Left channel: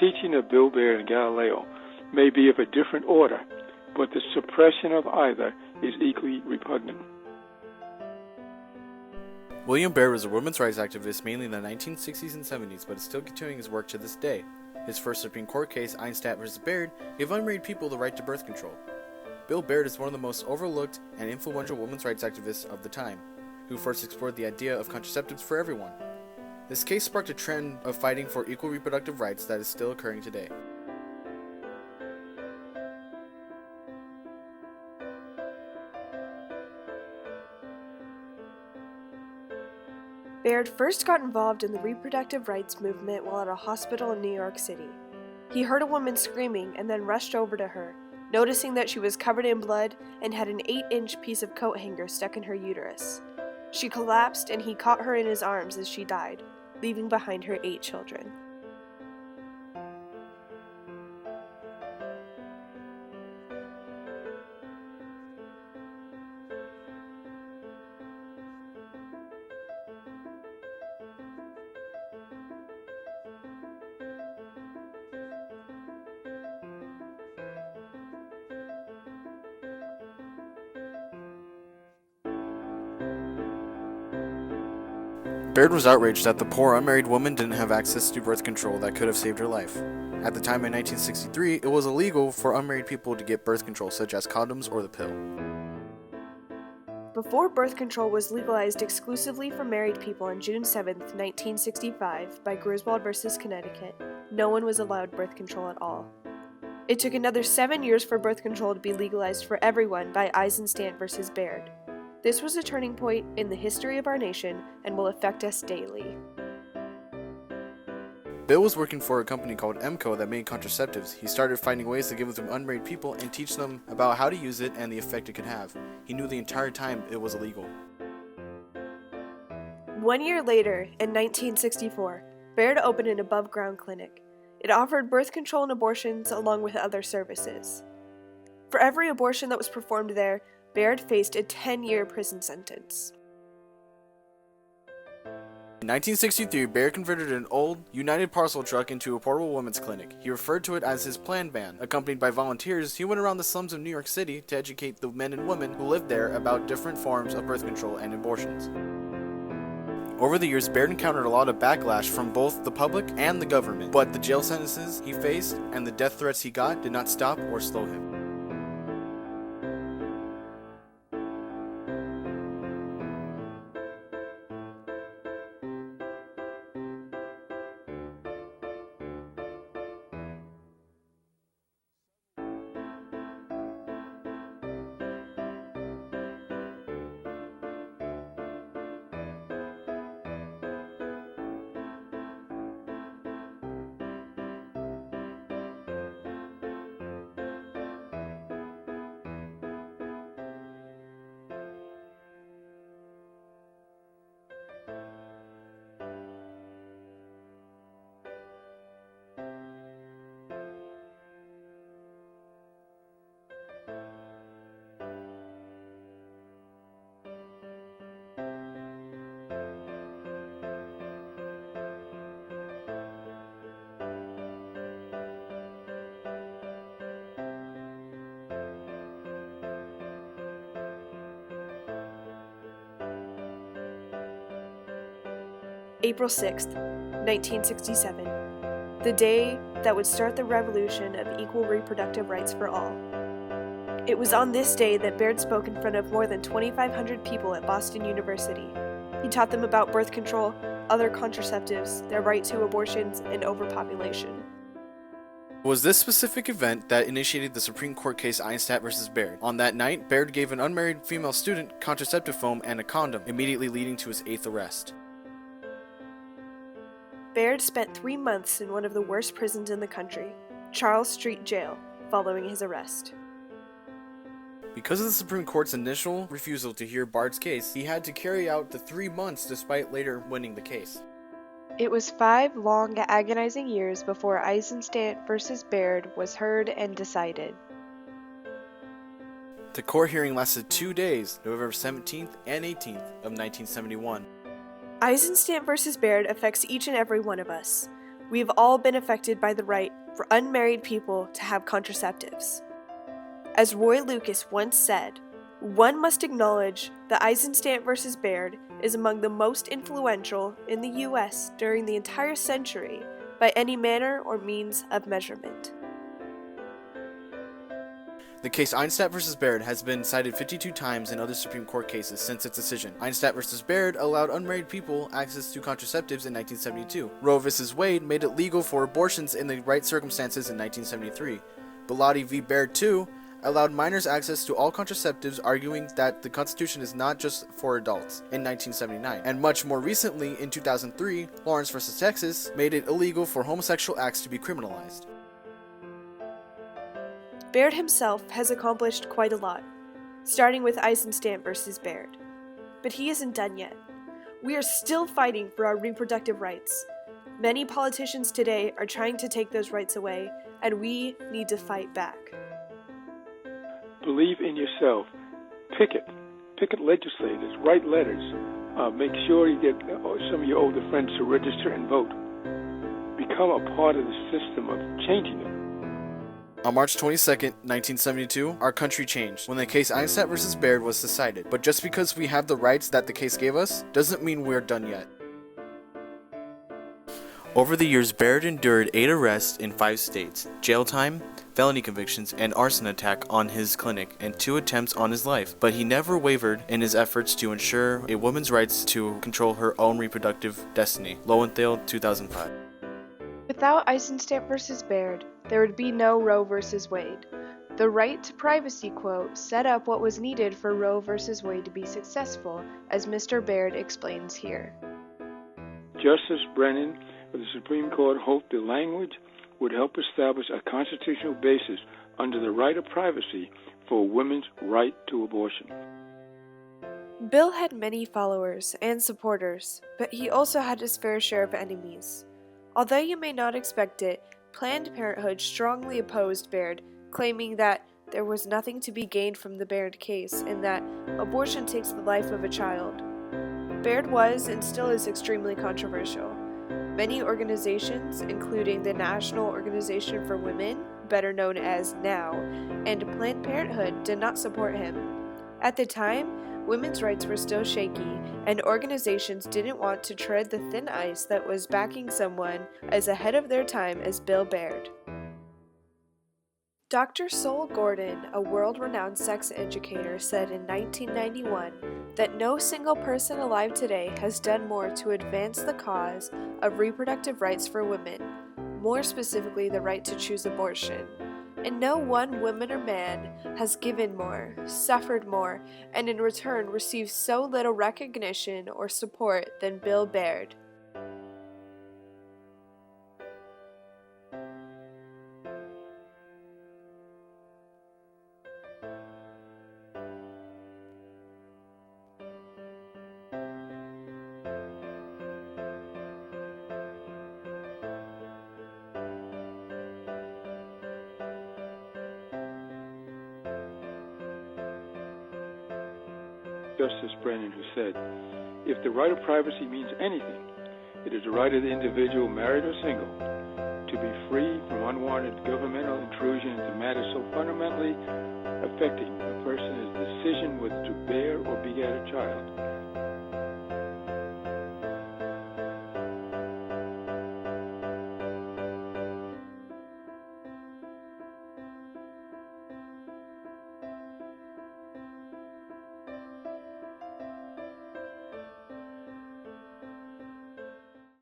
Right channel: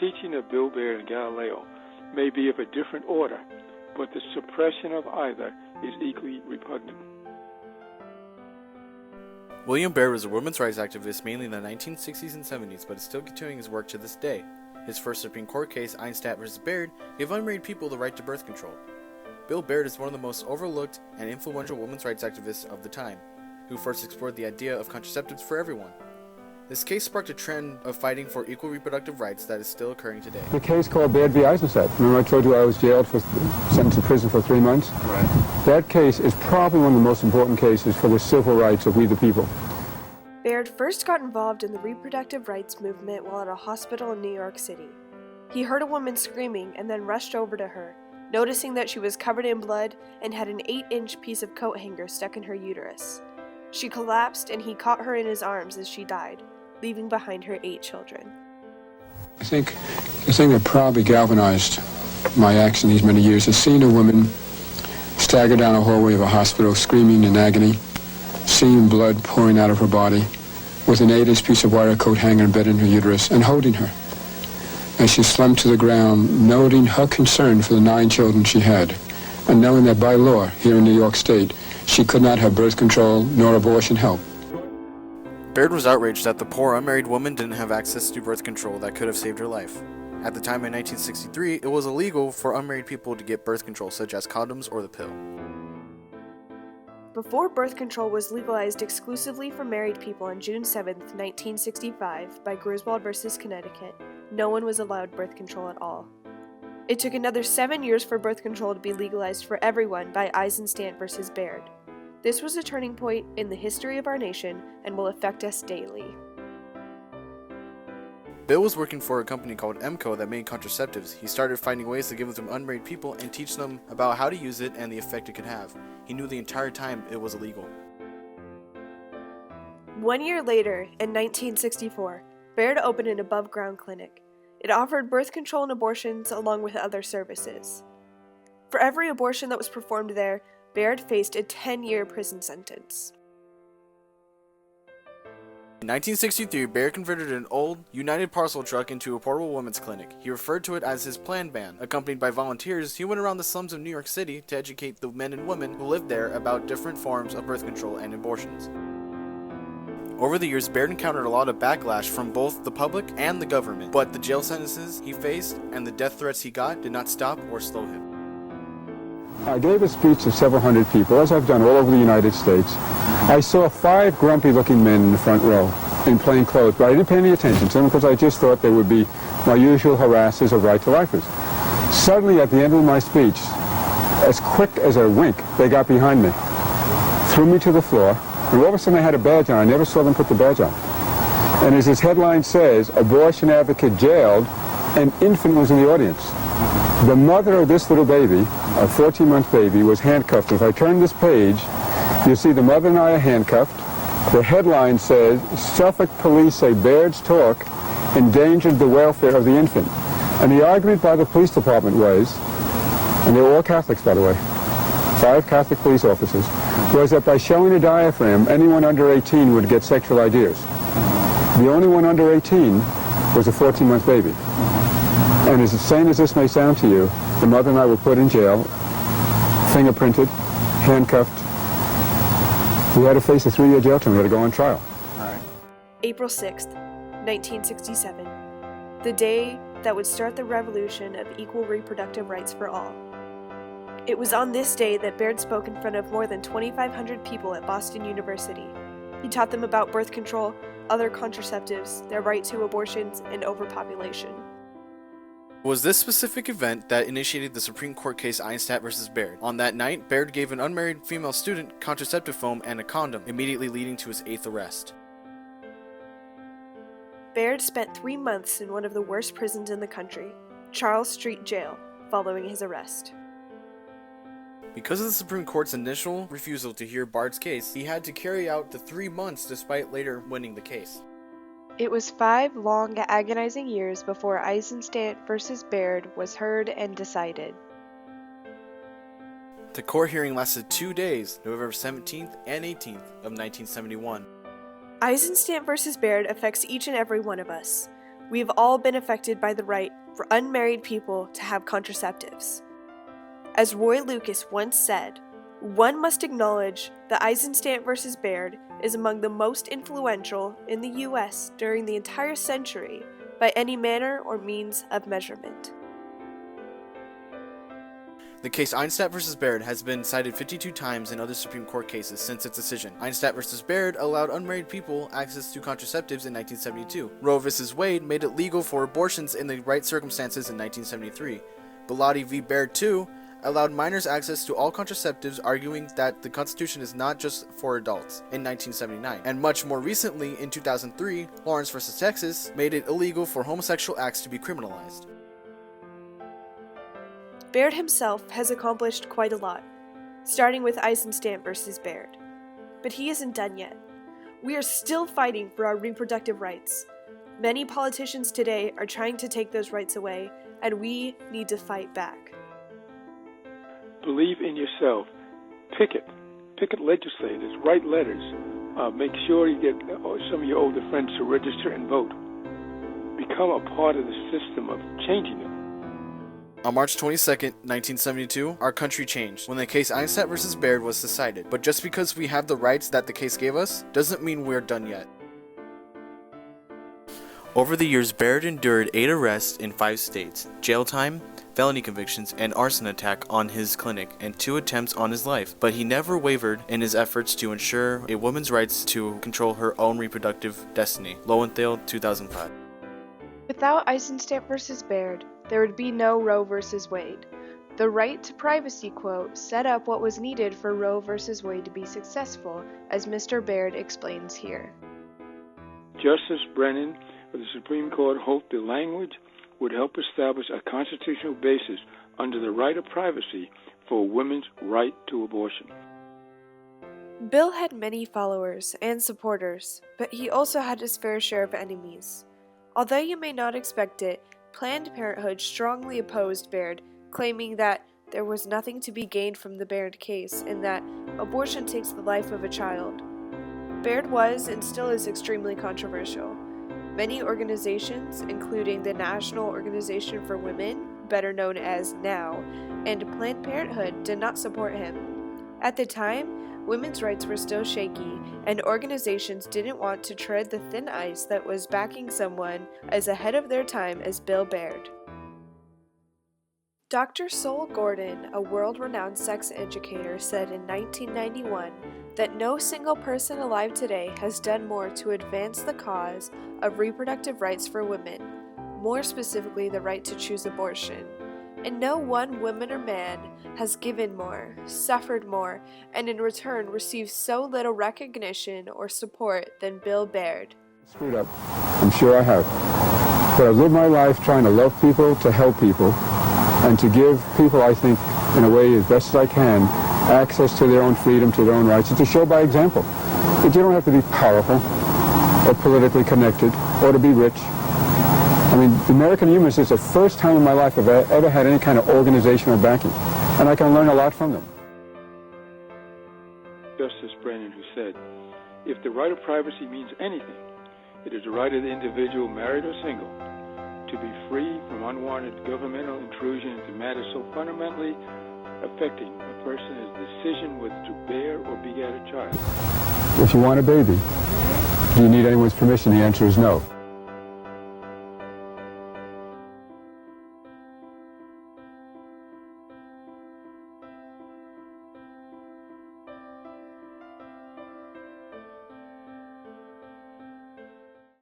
teaching of Bill Baird and Galileo may be of a different order, but the suppression of either is equally repugnant. William Baird was a women's rights activist mainly in the 1960s and 70s, but is still continuing his work to this day. His first Supreme Court case, Eisenstadt v. Baird, gave unmarried people the right to birth control. Bill Baird is one of the most overlooked and influential women's rights activists of the time, who first explored the idea of contraceptives for everyone. This case sparked a trend of fighting for equal reproductive rights that is still occurring today. A case called Baird v. Eisenstadt. Remember I told you I was sentenced to prison for 3 months? Right. That case is probably one of the most important cases for the civil rights of we the people. Baird first got involved in the reproductive rights movement while at a hospital in New York City. He heard a woman screaming and then rushed over to her, noticing that she was covered in blood and had an 8-inch piece of coat hanger stuck in her uterus. She collapsed and he caught her in his arms as she died, leaving behind her 8 children. I think the thing that probably galvanized my action these many years is seeing a woman stagger down a hallway of a hospital screaming in agony, seeing blood pouring out of her body, with an 8-inch piece of wire coat hanger embedded in her uterus, and holding her as she slumped to the ground, noting her concern for the 9 children she had, and knowing that by law here in New York State, she could not have birth control nor abortion help. Baird was outraged that the poor unmarried woman didn't have access to birth control that could have saved her life. At the time in 1963, it was illegal for unmarried people to get birth control such as condoms or the pill. Before birth control was legalized exclusively for married people on June 7, 1965, by Griswold v. Connecticut, no one was allowed birth control at all. It took another 7 years for birth control to be legalized for everyone by Eisenstadt v. Baird. This was a turning point in the history of our nation and will affect us daily. Bill was working for a company called EMCO that made contraceptives. He started finding ways to give them to unmarried people and teach them about how to use it and the effect it could have. He knew the entire time it was illegal. 1 year later, in 1964, Baird opened an above-ground clinic. It offered birth control and abortions along with other services. For every abortion that was performed there, Baird faced a 10-year prison sentence. In 1963, Baird converted an old United parcel truck into a portable women's clinic. He referred to it as his planned van. Accompanied by volunteers, he went around the slums of New York City to educate the men and women who lived there about different forms of birth control and abortions. Over the years, Baird encountered a lot of backlash from both the public and the government, but the jail sentences he faced and the death threats he got did not stop or slow him. I gave a speech to several hundred people, as I've done all over the United States. I saw 5 grumpy-looking men in the front row in plain clothes, but I didn't pay any attention to them because I just thought they would be my usual harassers of right-to-lifers. Suddenly, at the end of my speech, as quick as a wink, they got behind me, threw me to the floor, and all of a sudden I had a badge on. I never saw them put the badge on. And as his headline says, abortion advocate jailed, an infant was in the audience. The mother of this little baby, a 14-month baby, was handcuffed. If I turn this page, you'll see the mother and I are handcuffed. The headline says, Suffolk police say Baird's talk endangered the welfare of the infant. And the argument by the police department was, and they were all Catholics, by the way, 5 Catholic police officers, was that by showing a diaphragm, anyone under 18 would get sexual ideas. The only one under 18 was a 14-month baby. And as insane as this may sound to you, the mother and I were put in jail, fingerprinted, handcuffed. We had to face a 3-year jail term. We had to go on trial. April 6th, 1967. The day that would start the revolution of equal reproductive rights for all. It was on this day that Baird spoke in front of more than 2,500 people at Boston University. He taught them about birth control, other contraceptives, their right to abortions, and overpopulation. It was this specific event that initiated the Supreme Court case Eisenstadt v. Baird. On that night, Baird gave an unmarried female student contraceptive foam and a condom, immediately leading to his 8th arrest. Baird spent 3 months in one of the worst prisons in the country, Charles Street Jail, following his arrest. Because of the Supreme Court's initial refusal to hear Baird's case, he had to carry out the 3 months despite later winning the case. It was 5 long, agonizing years before Eisenstadt v. Baird was heard and decided. The court hearing lasted 2 days, November 17th and 18th of 1971. Eisenstadt v. Baird affects each and every one of us. We have all been affected by the right for unmarried people to have contraceptives. As Roy Lucas once said, one must acknowledge that Eisenstadt versus Baird is among the most influential in the U.S. during the entire century by any manner or means of measurement. The case Eisenstadt v. Baird has been cited 52 times in other Supreme Court cases since its decision. Eisenstadt v. Baird allowed unmarried people access to contraceptives in 1972. Roe v. Wade made it legal for abortions in the right circumstances in 1973. Bilotti v. Baird, too, allowed minors access to all contraceptives, arguing that the Constitution is not just for adults, in 1979. And much more recently, in 2003, Lawrence v. Texas made it illegal for homosexual acts to be criminalized. Baird himself has accomplished quite a lot, starting with Eisenstadt versus Baird. But he isn't done yet. We are still fighting for our reproductive rights. Many politicians today are trying to take those rights away, and we need to fight back. Believe in yourself. Picket legislators. Write letters. Make sure you get some of your older friends to register and vote. Become a part of the system of changing it. On March 22, 1972, our country changed when the case Eisenstadt v. Baird was decided. But just because we have the rights that the case gave us, doesn't mean we're done yet. Over the years, Baird endured 8 arrests in 5 states, jail time, felony convictions, and arson attack on his clinic, and 2 attempts on his life. But he never wavered in his efforts to ensure a woman's rights to control her own reproductive destiny. Lowenthal, 2005. Without Eisenstadt versus Baird, there would be no Roe versus Wade. The right to privacy quote set up what was needed for Roe versus Wade to be successful, as Mr. Baird explains here. Justice Brennan of the Supreme Court hoped the language would help establish a constitutional basis under the right of privacy for a woman's right to abortion. Bill had many followers and supporters, but he also had his fair share of enemies. Although you may not expect it, Planned Parenthood strongly opposed Baird, claiming that there was nothing to be gained from the Baird case and that abortion takes the life of a child. Baird was and still is extremely controversial. Many organizations, including the National Organization for Women, better known as NOW, and Planned Parenthood did not support him. At the time, women's rights were still shaky, and organizations didn't want to tread the thin ice that was backing someone as ahead of their time as Bill Baird. Dr. Sol Gordon, a world-renowned sex educator, said in 1991 that no single person alive today has done more to advance the cause of reproductive rights for women, more specifically the right to choose abortion. And no one woman or man has given more, suffered more, and in return received so little recognition or support than Bill Baird. Screwed up. I'm sure I have. But I've lived my life trying to love people, to help people, and to give people, I think, in a way as best as I can, access to their own freedom, to their own rights, and to show by example that you don't have to be powerful or politically connected or to be rich. I mean, the American Humanists is the first time in my life I've ever had any kind of organizational backing, and I can learn a lot from them. Justice Brennan, who said, if the right of privacy means anything, it is the right of the individual, married or single, to be free from unwanted governmental intrusion into matters so fundamentally affecting a person's decision whether to bear or beget a child. If you want a baby, do you need anyone's permission? The answer is no.